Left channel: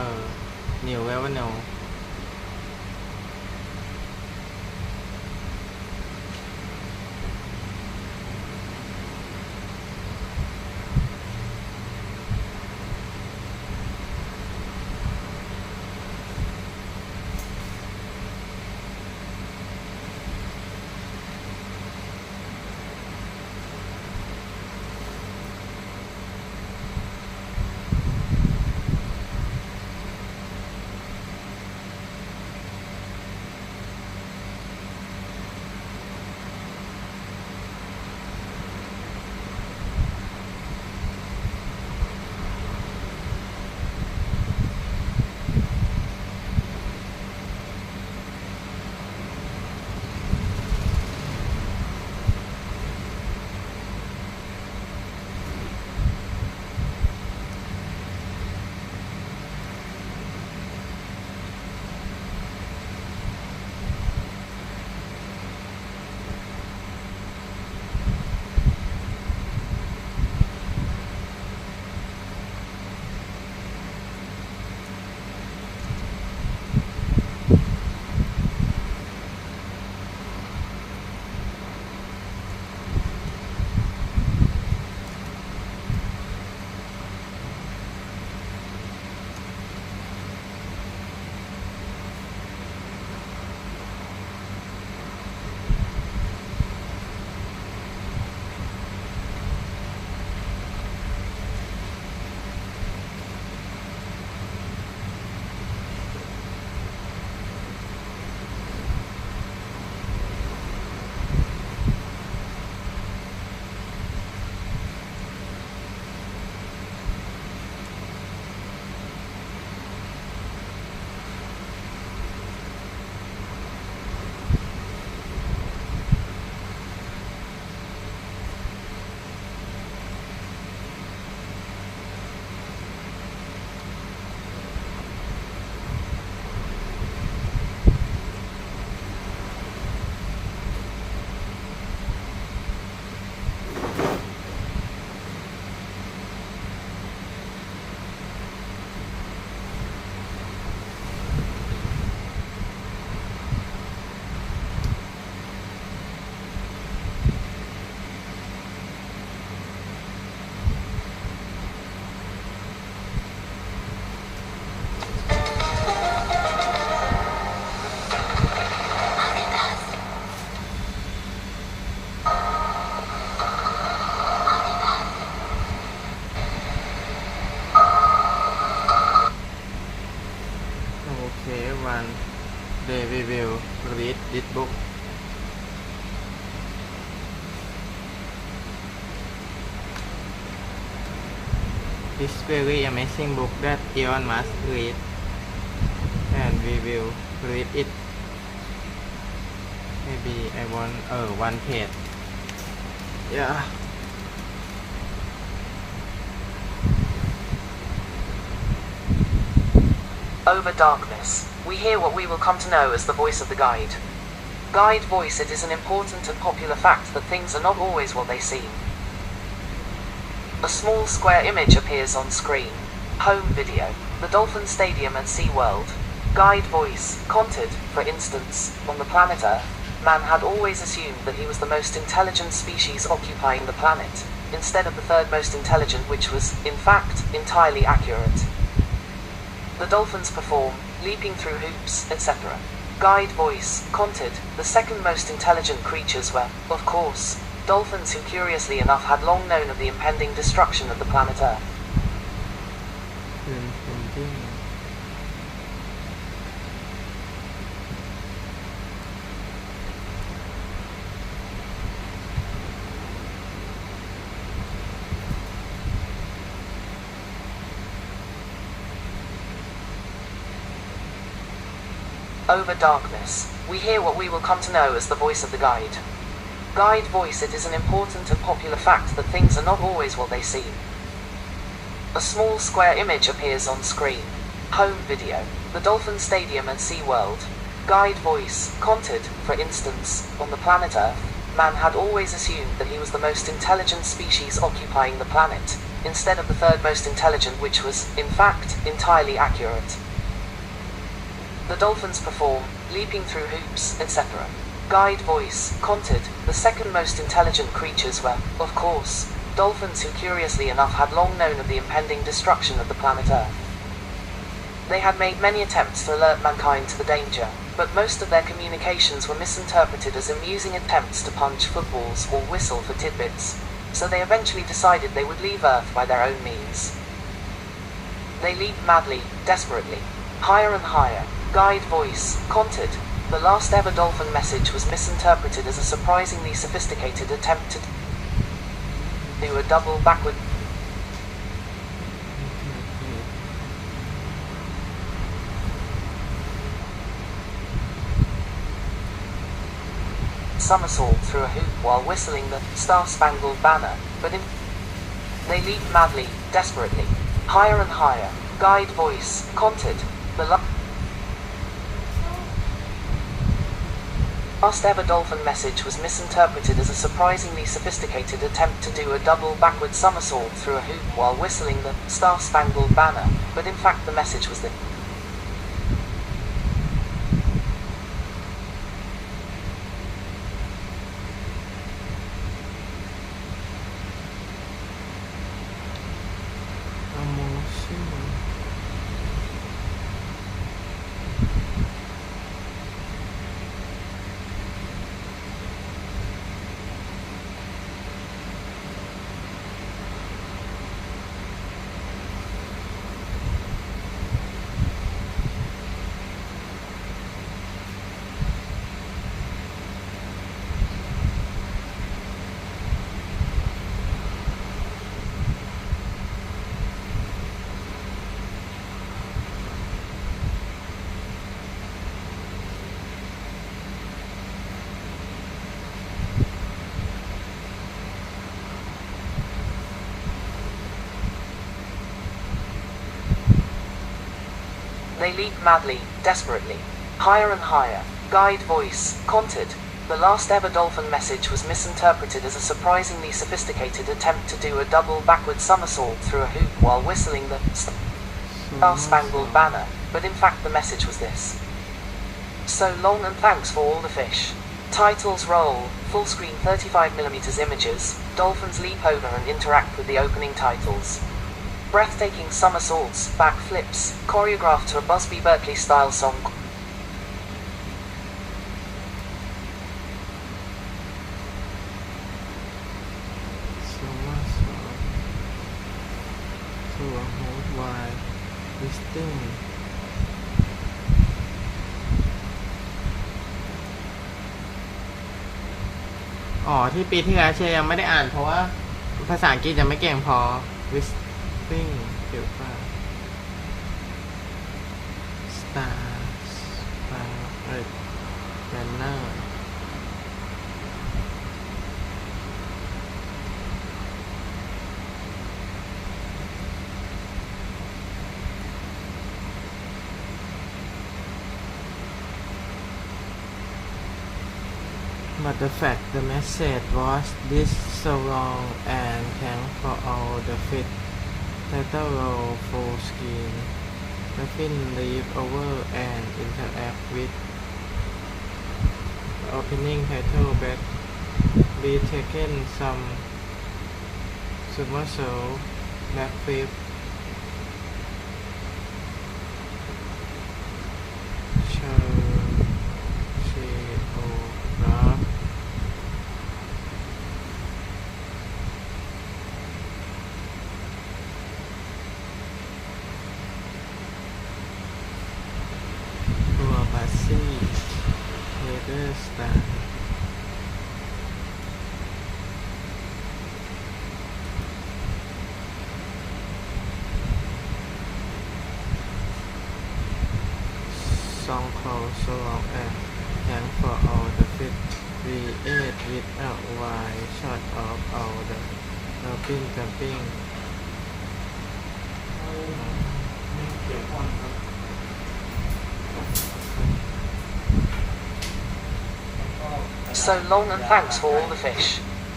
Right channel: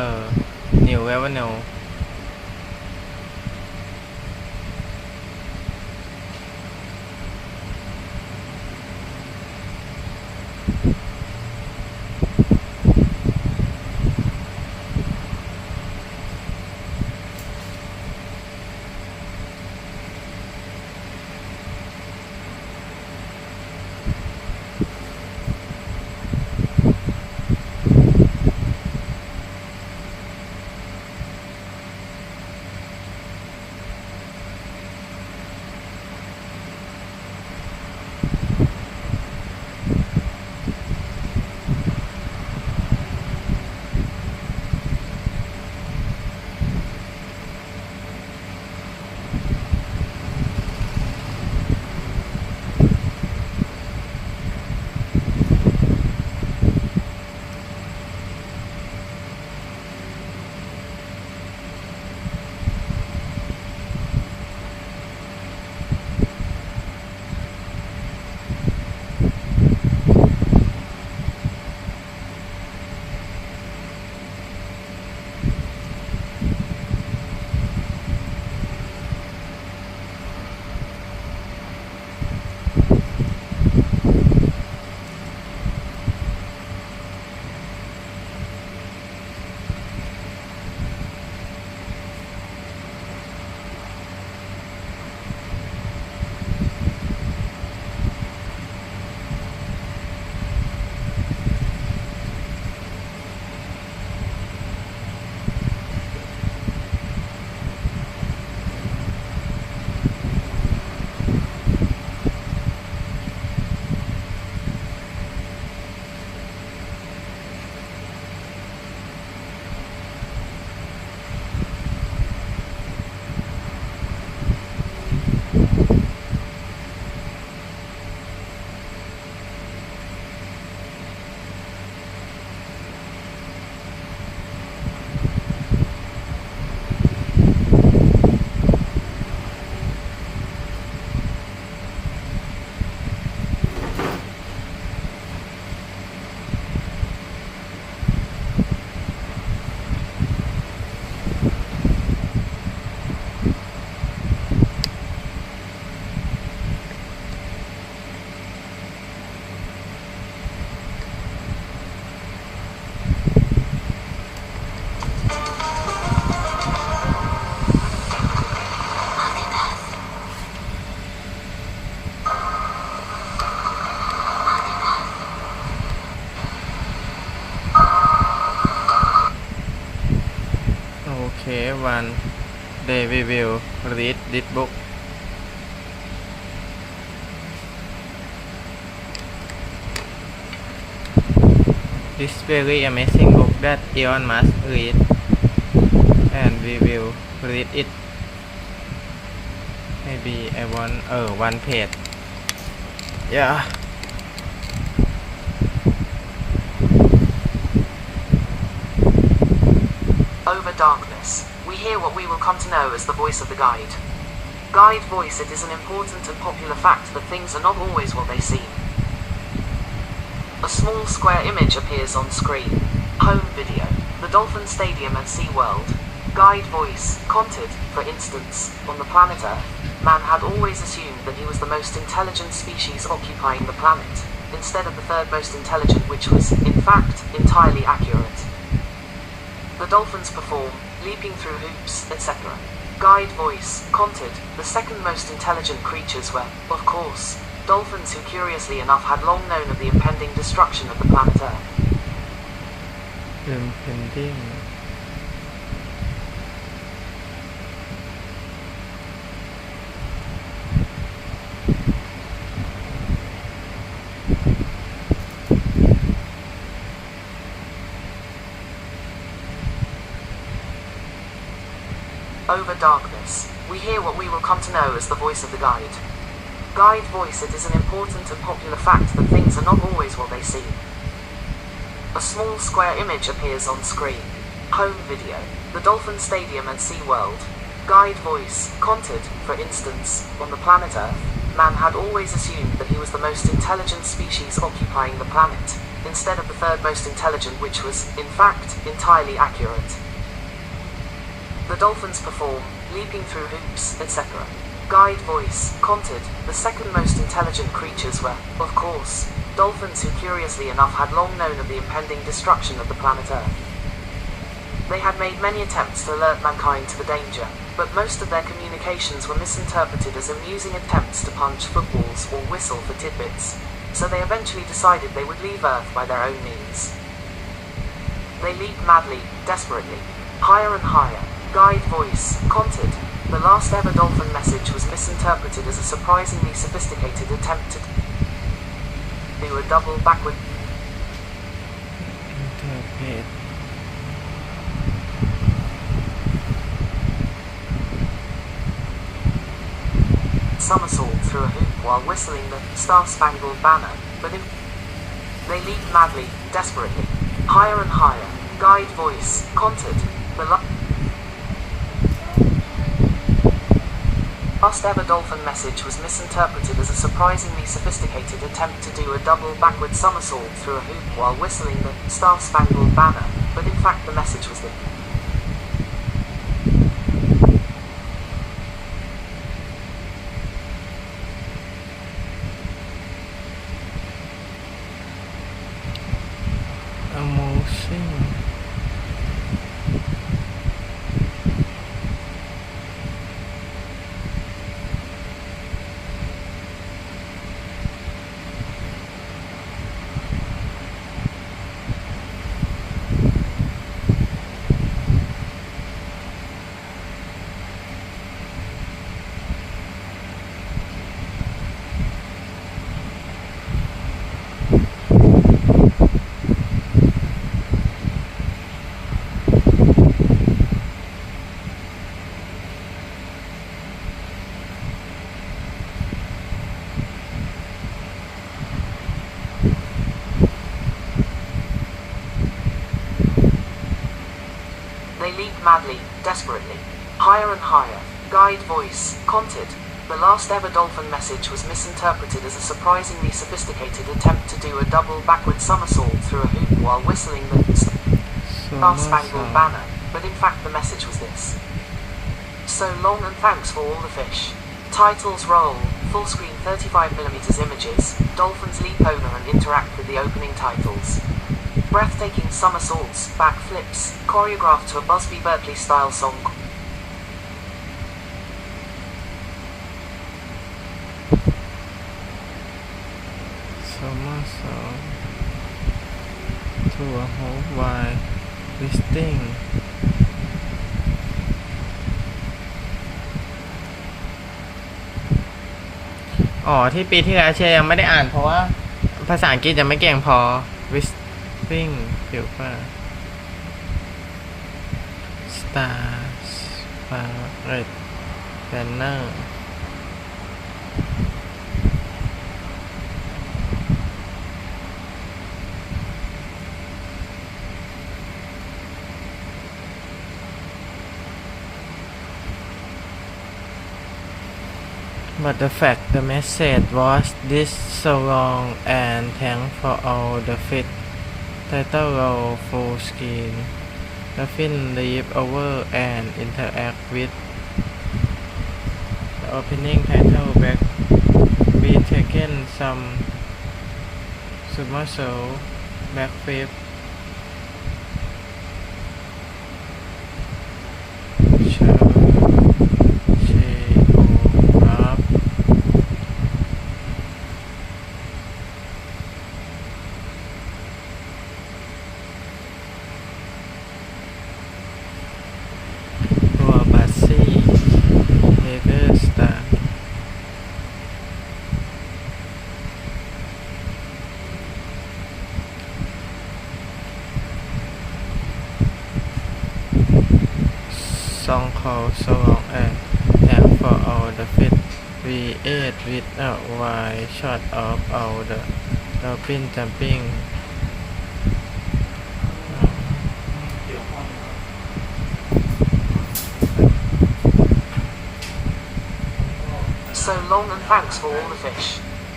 New Avenue one day we will read this book. This very amazing book that Elon must read, and we will read it. Maybe I want one page. Yeah. Over darkness, we hear what we will come to know as the voice of the guide. Guide voice. It is an important and popular fact that things are not always what they seem. A small square image appears on screen. Home video. The Dolphin Stadium at SeaWorld. Guide voice. Conted, for instance, on the planet Earth, man had always assumed that he was the most intelligent species occupying the planet, instead of the third most intelligent, which was, in fact, entirely accurate. The dolphins perform, leaping through hoops, etc. Guide voice. Conted, the second most intelligent creatures were, of course, dolphins, who curiously enough had long known of the impending destruction of the planet Earth. Impending. Over darkness, we hear what we will come to know as the voice of the guide. Guide voice. It is an important and popular fact that things are not always what they seem. A small square image appears on screen. Home video. The Dolphin Stadium at SeaWorld. Guide voice. Conted, for instance, on the planet Earth, man had always assumed that he was the most intelligent species occupying the planet, instead of the third most intelligent, which was, in fact, entirely accurate. The dolphins perform, leaping through hoops, etc. Guide voice, conted, the second most intelligent creatures were, of course, dolphins who curiously enough had long known of the impending destruction of the planet Earth. They had made many attempts to alert mankind to the danger, but most of their communications were misinterpreted as amusing attempts to punch footballs or whistle for tidbits, so they eventually decided they would leave Earth by their own means. They leaped madly, desperately, higher and higher. Guide voice, conted, the last ever dolphin message was misinterpreted as a surprisingly sophisticated attempt to do a double backward somersault through a hoop while whistling the Star-Spangled Banner, but they leaped madly, desperately, higher and higher. Guide voice, conted, the last ever dolphin message was misinterpreted as a surprisingly sophisticated attempt to do a double backward somersault through a hoop while whistling the Star-Spangled Banner, but in fact the message was this. They leaped madly, desperately, higher and higher. Guide voice, conted, the last ever dolphin message was misinterpreted as a surprisingly sophisticated attempt to do a double backward somersault through a hoop while whistling the Star-Spangled Banner, but in fact the message was this. So long and thanks for all the fish. Titles roll, full screen 35mm images, dolphins leap over and interact with the opening titles. Breathtaking somersaults, backflips, choreographed to a Busby Berkeley-style song. Somersault to a hoop while twisting.อ๋อที่ปีที่แล้วเชียร์ยังไม่ได้อ่านเพราะว่าภาษาอังกฤษจะไม่เก่งพอ Twisting เดี๋ยวป่ะ Star-Spangled Banner But the fact the message was this so long and thanks for all the fit title roll full screen the fin leap over and interact with the opening title back be taken some somersault backflip song called So Long and Thanks for All the Fit We ate with a wide shot of all the dolphin jumping So long and thanks for all the fish.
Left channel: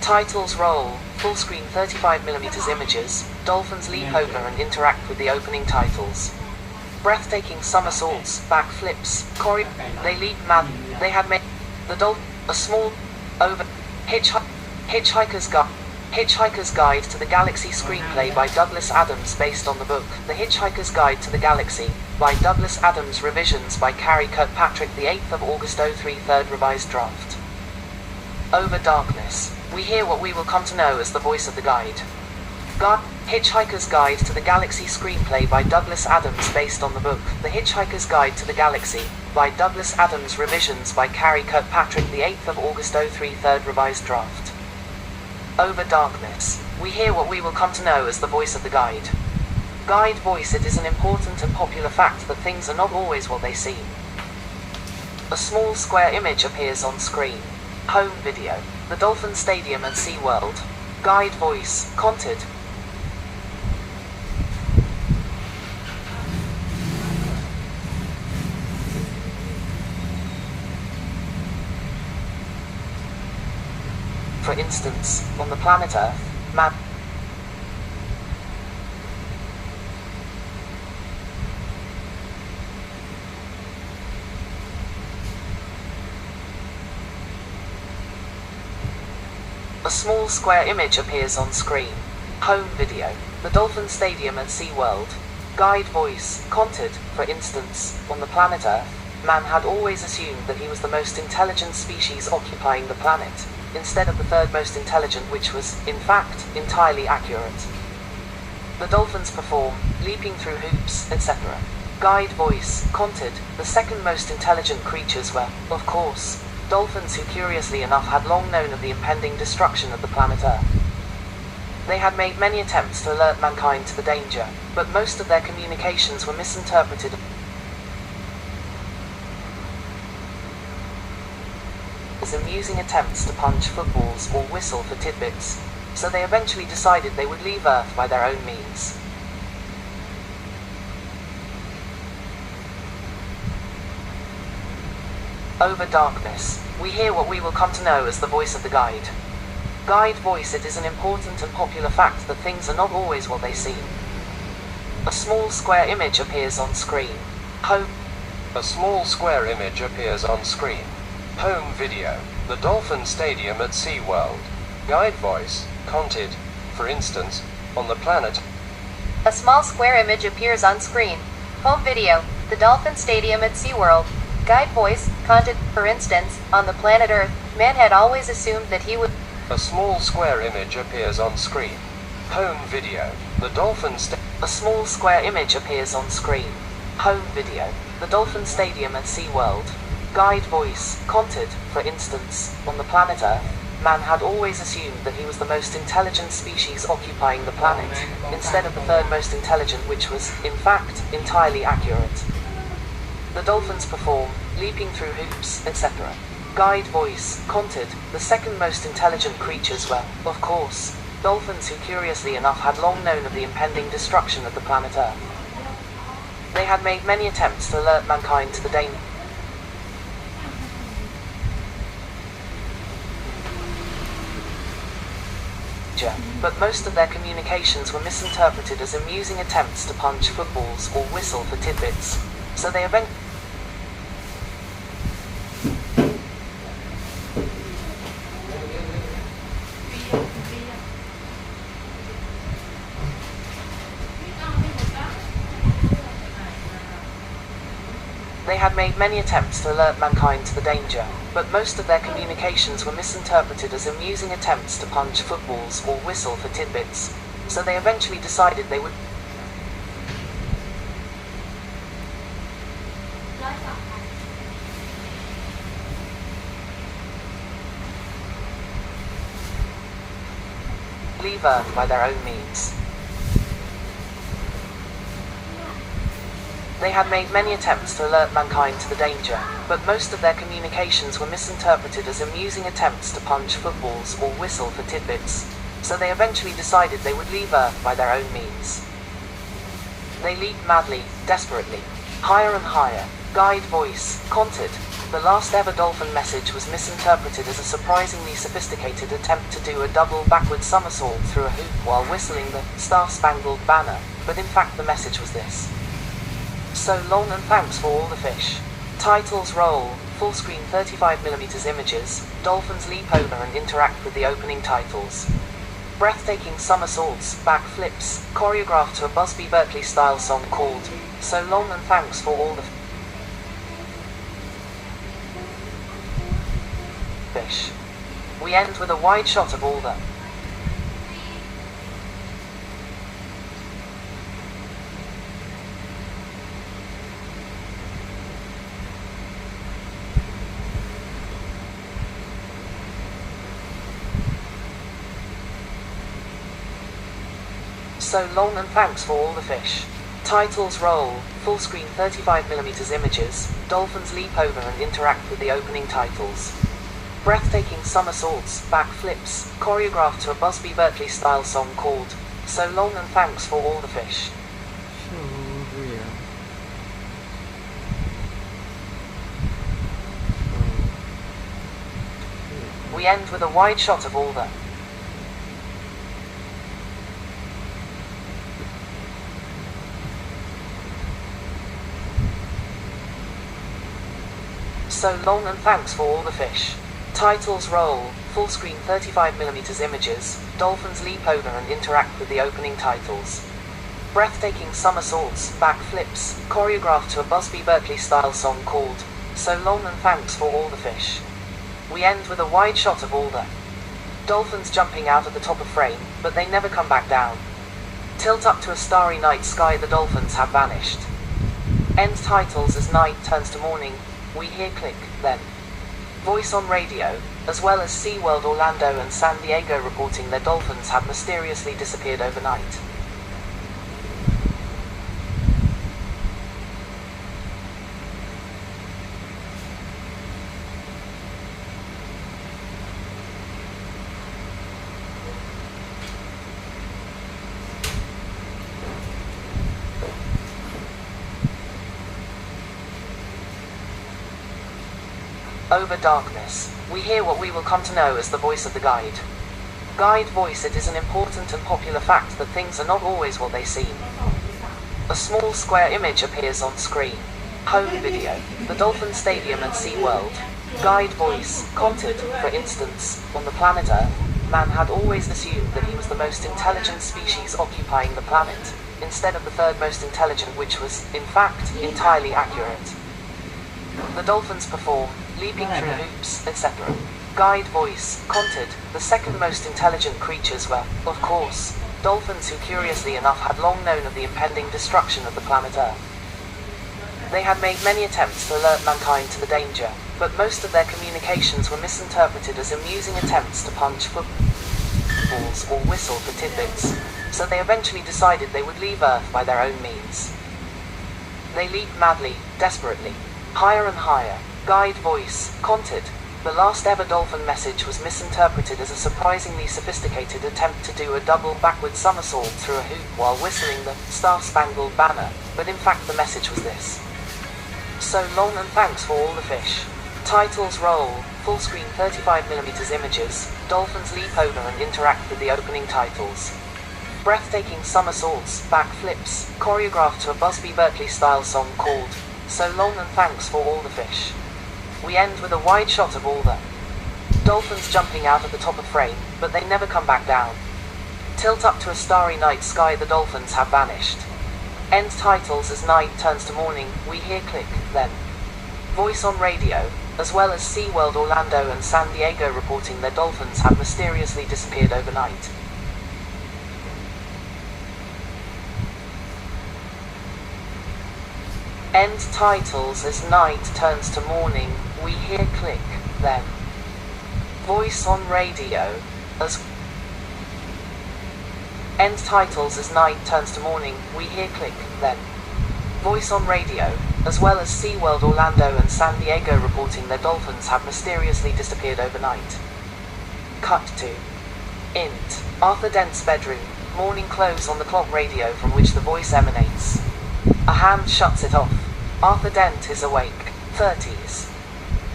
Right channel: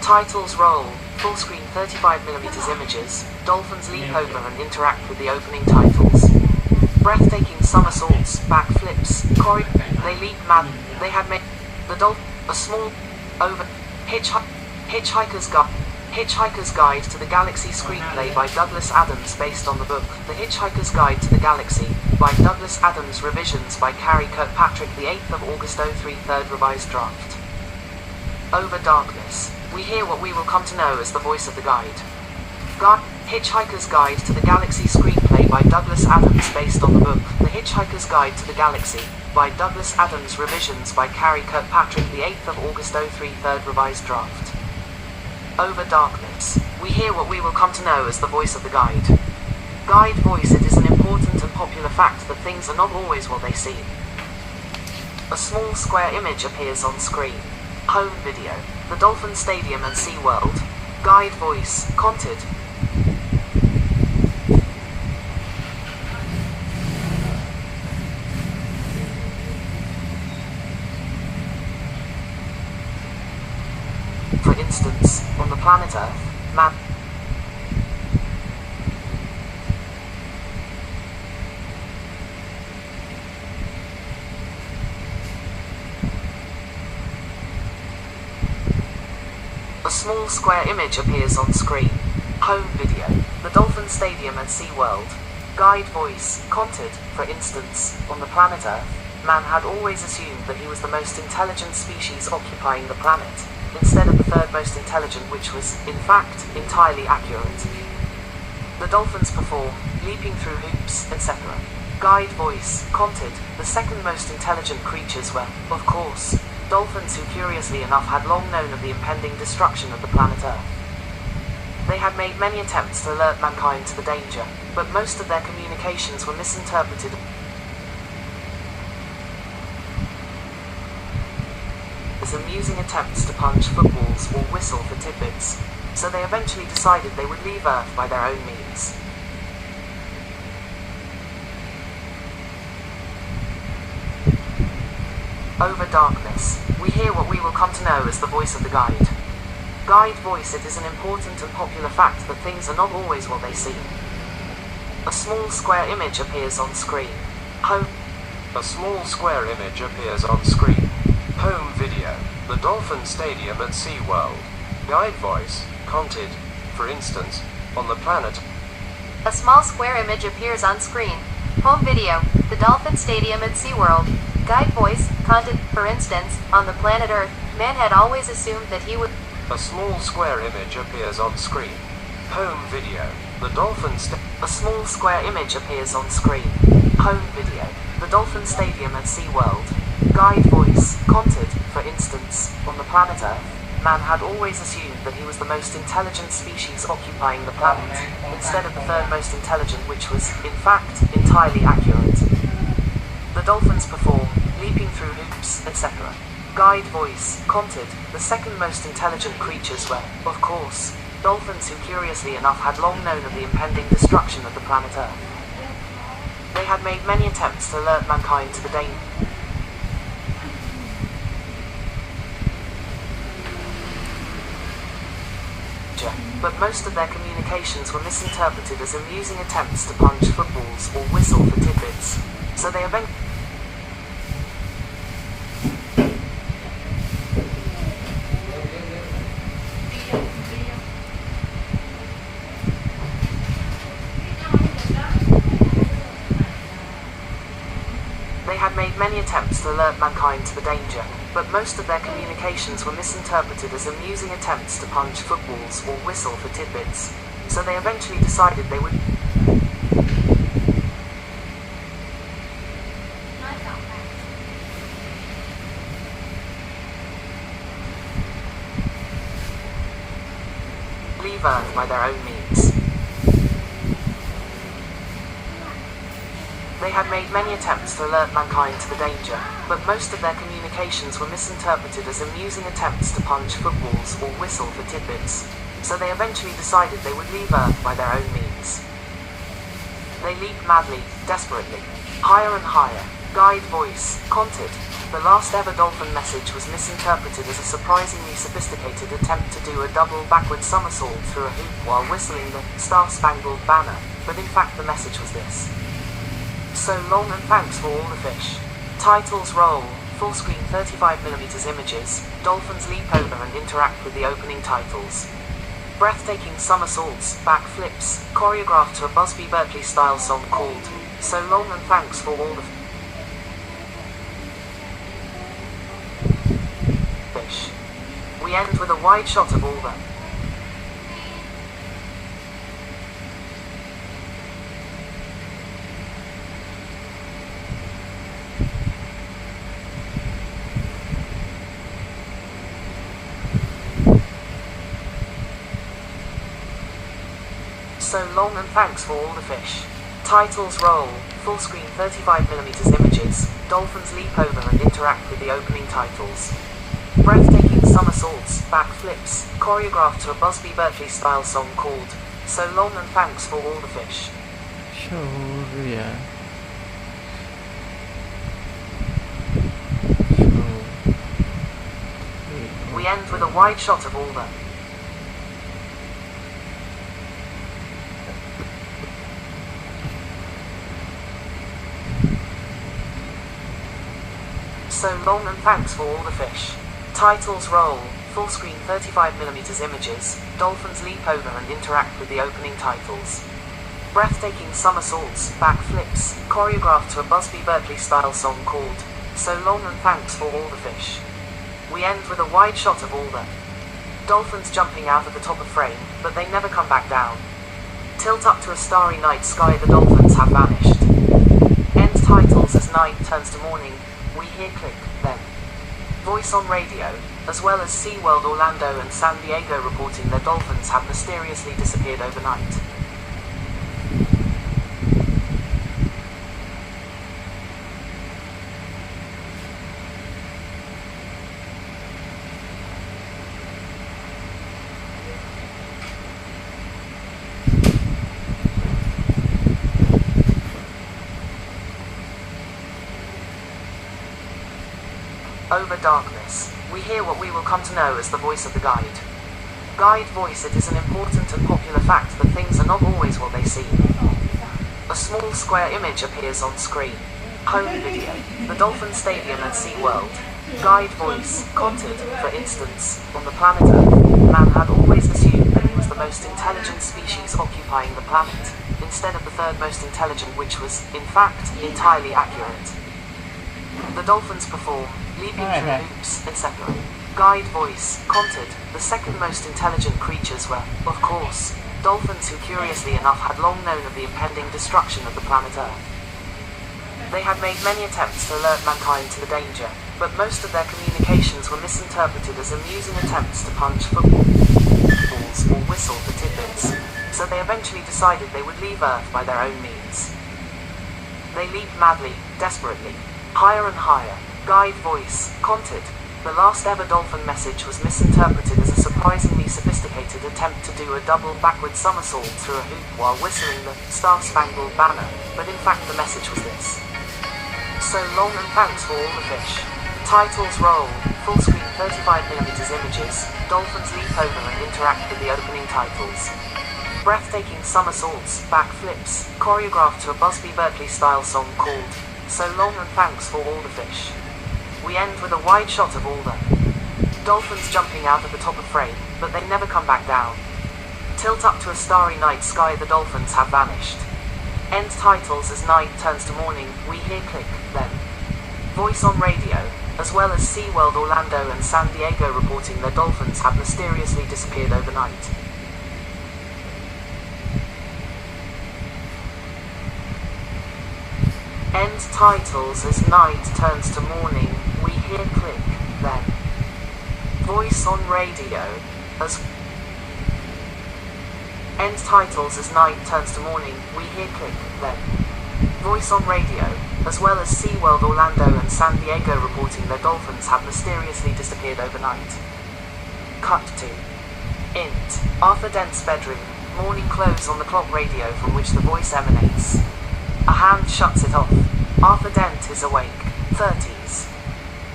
Titles roll, full screen 35mm images, dolphins leap over and interact with the opening titles. Breathtaking somersaults, backflips, they leap mad, they had made the dolphin, a small, over, Hitchhiker's Guide to the Galaxy screenplay by Douglas Adams based on the book The Hitchhiker's Guide to the Galaxy by Douglas Adams, revisions by Carrie Kirkpatrick, the 8th of August 03, third revised draft. Over darkness, we hear what we will come to know as the voice of the guide. Hitchhiker's Guide to the Galaxy screenplay by Douglas Adams based on the book The Hitchhiker's Guide to the Galaxy by Douglas Adams, revisions by Carrie Kirkpatrick, the 8th of August 03, third revised draft. Over darkness, we hear what we will come to know as the voice of the guide. Guide voice. It is an important and popular fact that things are not always what they seem. A small square image appears on screen. Home video. The Dolphin Stadium and SeaWorld. Guide voice. Content. For instance, on the planet Earth, map. A small square image appears on screen. Home video. The Dolphin Stadium and SeaWorld. Guide voice. Content. For instance, on the planet Earth, man had always assumed that he was the most intelligent species occupying the planet, instead of the third most intelligent, which was, in fact, entirely accurate. The dolphins perform, leaping through hoops, etc. Guide voice. Content. The second most intelligent creatures were, of course, dolphins, who curiously enough had long known of the impending destruction of the planet Earth. They had made many attempts to alert mankind to the danger, but most of their communications were misinterpreted as amusing attempts to punch footballs or whistle for tidbits, so they eventually decided they would leave Earth by their own means. Over darkness, we hear what we will come to know as the voice of the guide. Guide voice. It is an important and popular fact that things are not always what they seem. A small square image appears on screen. Home. A small square image appears on screen. Home video. The Dolphin Stadium at SeaWorld. Guide voice. Content. For instance, on the planet. A small square image appears on screen. Home video. The Dolphin Stadium at SeaWorld. Guide voice. Content. For instance, on the planet Earth, man had always assumed that he would. A small square image appears on screen. Home video. The Dolphin A small square image appears on screen. Home video. The Dolphin Stadium at SeaWorld. Guide voice. Content. For instance, on the planet Earth, man had always assumed that he was the most intelligent species occupying the planet, instead of the third most intelligent, which was, in fact, entirely accurate. The dolphins perform, leaping through hoops, etc. Guide voice. Content. The second most intelligent creatures were, of course, dolphins, who curiously enough had long known of the impending destruction of the planet Earth. They had made many attempts to alert mankind to the danger, but most of their communications were misinterpreted as amusing attempts to punch footballs or whistle for tidbits, so they eventually had made many attempts to alert mankind to the danger, but most of their communications were misinterpreted as amusing attempts to punch footballs or whistle for tidbits, so they eventually decided they would leave Earth by their own means. They had made many attempts to alert mankind to the danger, but most of their communications were misinterpreted as amusing attempts to punch footballs or whistle for tidbits, so they eventually decided they would leave Earth by their own means. They leap madly, desperately, higher and higher. Guide voice. Content. The last ever dolphin message was misinterpreted as a surprisingly sophisticated attempt to do a double backward somersault through a hoop while whistling the Star-Spangled Banner, but in fact the message was this: "So long and thanks for all the fish." Titles roll, full screen 35mm images, dolphins leap over and interact with the opening titles. Breathtaking somersaults, backflips, choreographed to a Busby Berkeley-style song called "So Long and Thanks for All the Fish." We end with a wide shot of all the "So long and thanks for all the fish." Titles roll, full screen 35mm images, dolphins leap over and interact with the opening titles. Breathtaking somersaults, backflips, choreographed to a Busby Berkeley-style song called "So Long and Thanks for All the Fish." Sure. We end with a wide shot of all the "So long and thanks for all the fish." Titles roll, full screen 35mm images, dolphins leap over and interact with the opening titles. Breathtaking somersaults, backflips, choreographed to a Busby Berkeley-style song called "So Long and Thanks for All the Fish." We end with a wide shot of all the dolphins jumping out of the top of frame, but they never come back down. Tilt up to a starry night sky, the dolphins have vanished. End titles as night turns to morning. We hear click, then. Voice on radio, as well as SeaWorld Orlando and San Diego reporting their dolphins have mysteriously disappeared overnight. Over darkness, we hear what we will come to know as the voice of the guide. Guide voice. It is an important and popular fact that things are not always what they seem. A small square image appears on screen. Home video. The Dolphin Stadium at SeaWorld. Guide voice. Content, for instance, on the planet Earth, man had always assumed that he was the most intelligent species occupying the planet, instead of the third most intelligent, which was, in fact, entirely accurate. The dolphins perform, leaping through hoops, etc. Guide voice. Content, the second most intelligent creatures were, of course, dolphins, who curiously enough had long known of the impending destruction of the planet Earth. They had made many attempts to alert mankind to the danger, but most of their communications were misinterpreted as amusing attempts to punch footballs or whistle for tidbits, so they eventually decided they would leave Earth by their own means. They leaped madly, desperately, higher and higher. Guide voice. Content, the last ever dolphin message was misinterpreted as a surprisingly sophisticated attempt to do a double backward somersault through a hoop while whistling the Star-Spangled Banner, but in fact the message was this: "So long and thanks for all the fish." Titles roll, full screen 35mm images, dolphins leap over and interact with the opening titles. Breathtaking somersaults, backflips, choreographed to a Busby Berkeley-style song called "So Long and Thanks for All the Fish." We end with a wide shot of all the dolphins jumping out of the top of frame, but they never come back down. Tilt up to a starry night sky, the dolphins have vanished. End titles as night turns to morning. We hear click, then. Voice on radio, as well as SeaWorld Orlando and San Diego reporting their dolphins have mysteriously disappeared overnight. End titles as night turns to morning. We hear click, then. Voice on radio, as end titles as night turns to morning. We hear click, then. Voice on radio, as well as SeaWorld Orlando and San Diego reporting their dolphins have mysteriously disappeared overnight. Cut to int. Arthur Dent's bedroom. Morning close on the clock radio from which the voice emanates. A hand shuts it off. Arthur Dent is awake. 30s.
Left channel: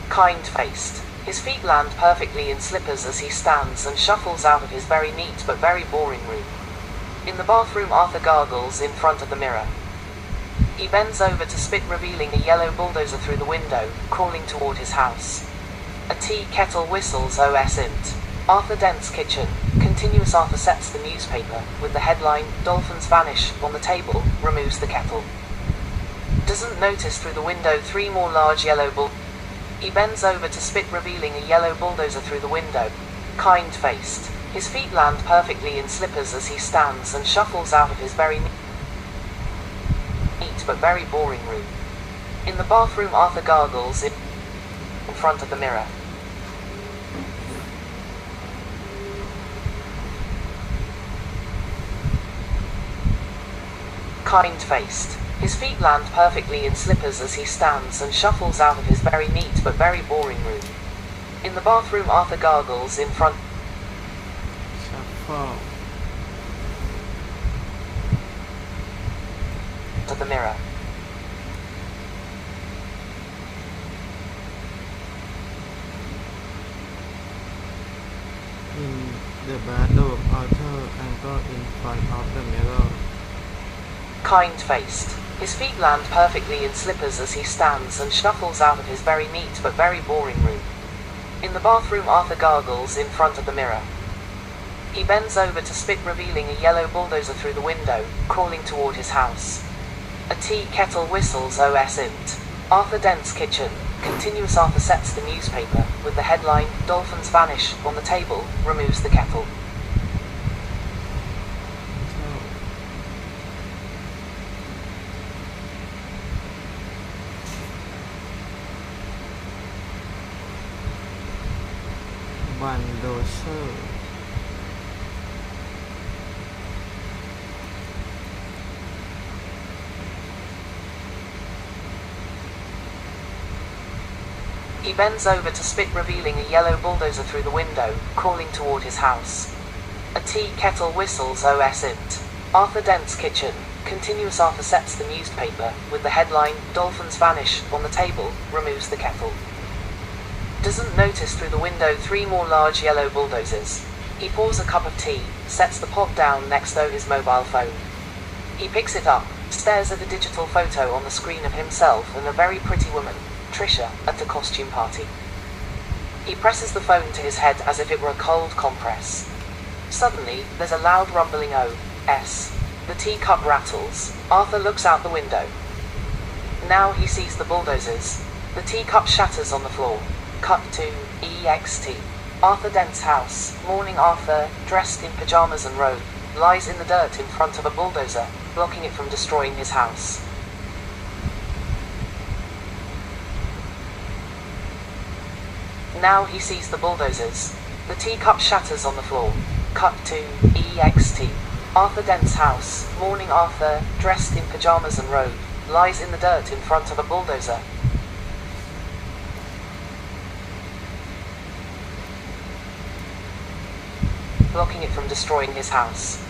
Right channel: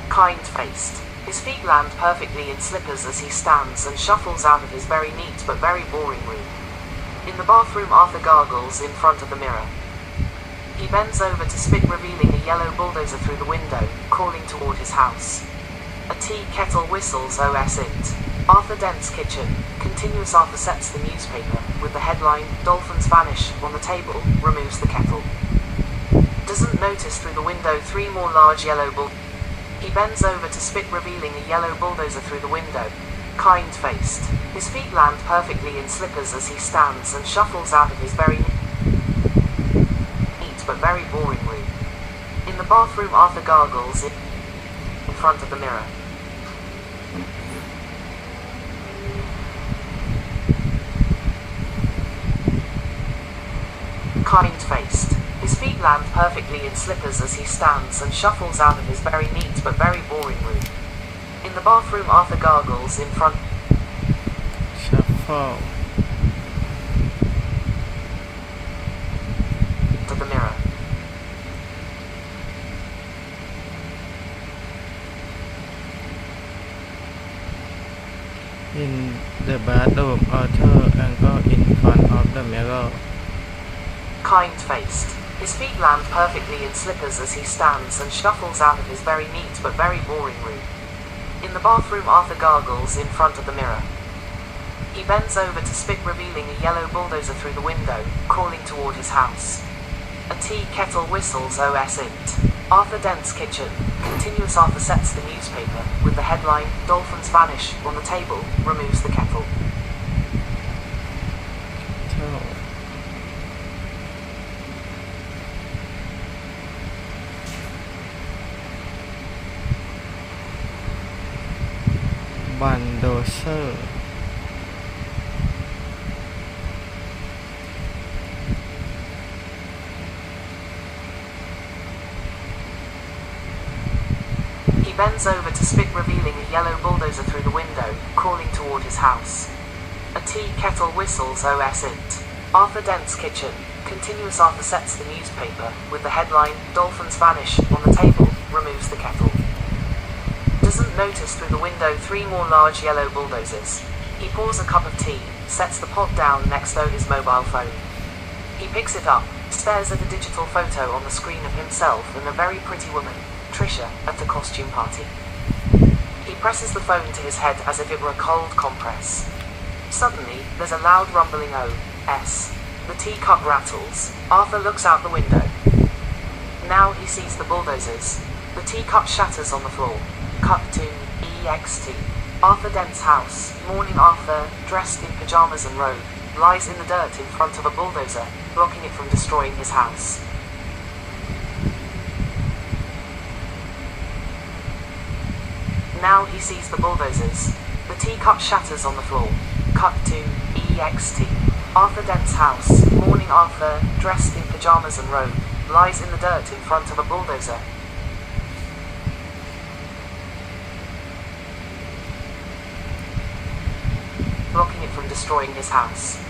kind-faced. His feet land perfectly in slippers as he stands and shuffles out of his very neat but very boring room. In the bathroom, Arthur gargles in front of the mirror. He bends over to spit, revealing a yellow bulldozer through the window, calling toward his house. A tea kettle whistles OS int. Arthur Dent's kitchen. Continuous. Arthur sets the newspaper, with the headline, "Dolphins Vanish," on the table, removes the kettle. Doesn't notice through the window 3 more large yellow bull. He bends over to spit, revealing a yellow bulldozer through the window. Kind-faced. His feet land perfectly in slippers as he stands and shuffles out of his very neat but very boring room. In the bathroom, Arthur gargles in front of the mirror. Kind-faced. His feet land perfectly in slippers as he stands and shuffles out of his very neat but very boring room. In the bathroom, Arthur gargles in front shuffle of the mirror. in the bathroom, Arthur angle in front of the mirror. Kind-faced. His feet land perfectly in slippers as he stands and shuffles out of his very neat but very boring room. In the bathroom, Arthur gargles in front of the mirror. He bends over to spit, revealing a yellow bulldozer through the window, calling toward his house. A tea kettle whistles OS int. Arthur Dent's kitchen. Continuous. Arthur sets the newspaper, with the headline, "Dolphins Vanish," on the table, removes the kettle. bulldozer He bends over to spit, revealing a yellow bulldozer through the window, calling toward his house. A tea kettle whistles OS int. Arthur Dent's kitchen. Continuous. Arthur sets the newspaper, with the headline, "Dolphins Vanish," on the table, removes the kettle. Doesn't notice through the window 3 more large yellow bulldozers. He pours a cup of tea, sets the pot down next to his mobile phone. He picks it up, stares at a digital photo on the screen of himself and a very pretty woman, Trisha, at the costume party. He presses the phone to his head as if it were a cold compress. Suddenly, there's a loud rumbling O.S. The teacup rattles. Arthur looks out the window. Now he sees the bulldozers. The teacup shatters on the floor. Cut to EXT. Arthur Dent's house. Morning. Arthur, dressed in pajamas and robe, lies in the dirt in front of a bulldozer, blocking it from destroying his house. Now he sees the bulldozers. The teacup shatters on the floor. Cut to EXT. Arthur Dent's house. Morning. Arthur, dressed in pajamas and robe, lies in the dirt in front of a bulldozer, blocking it from destroying his house.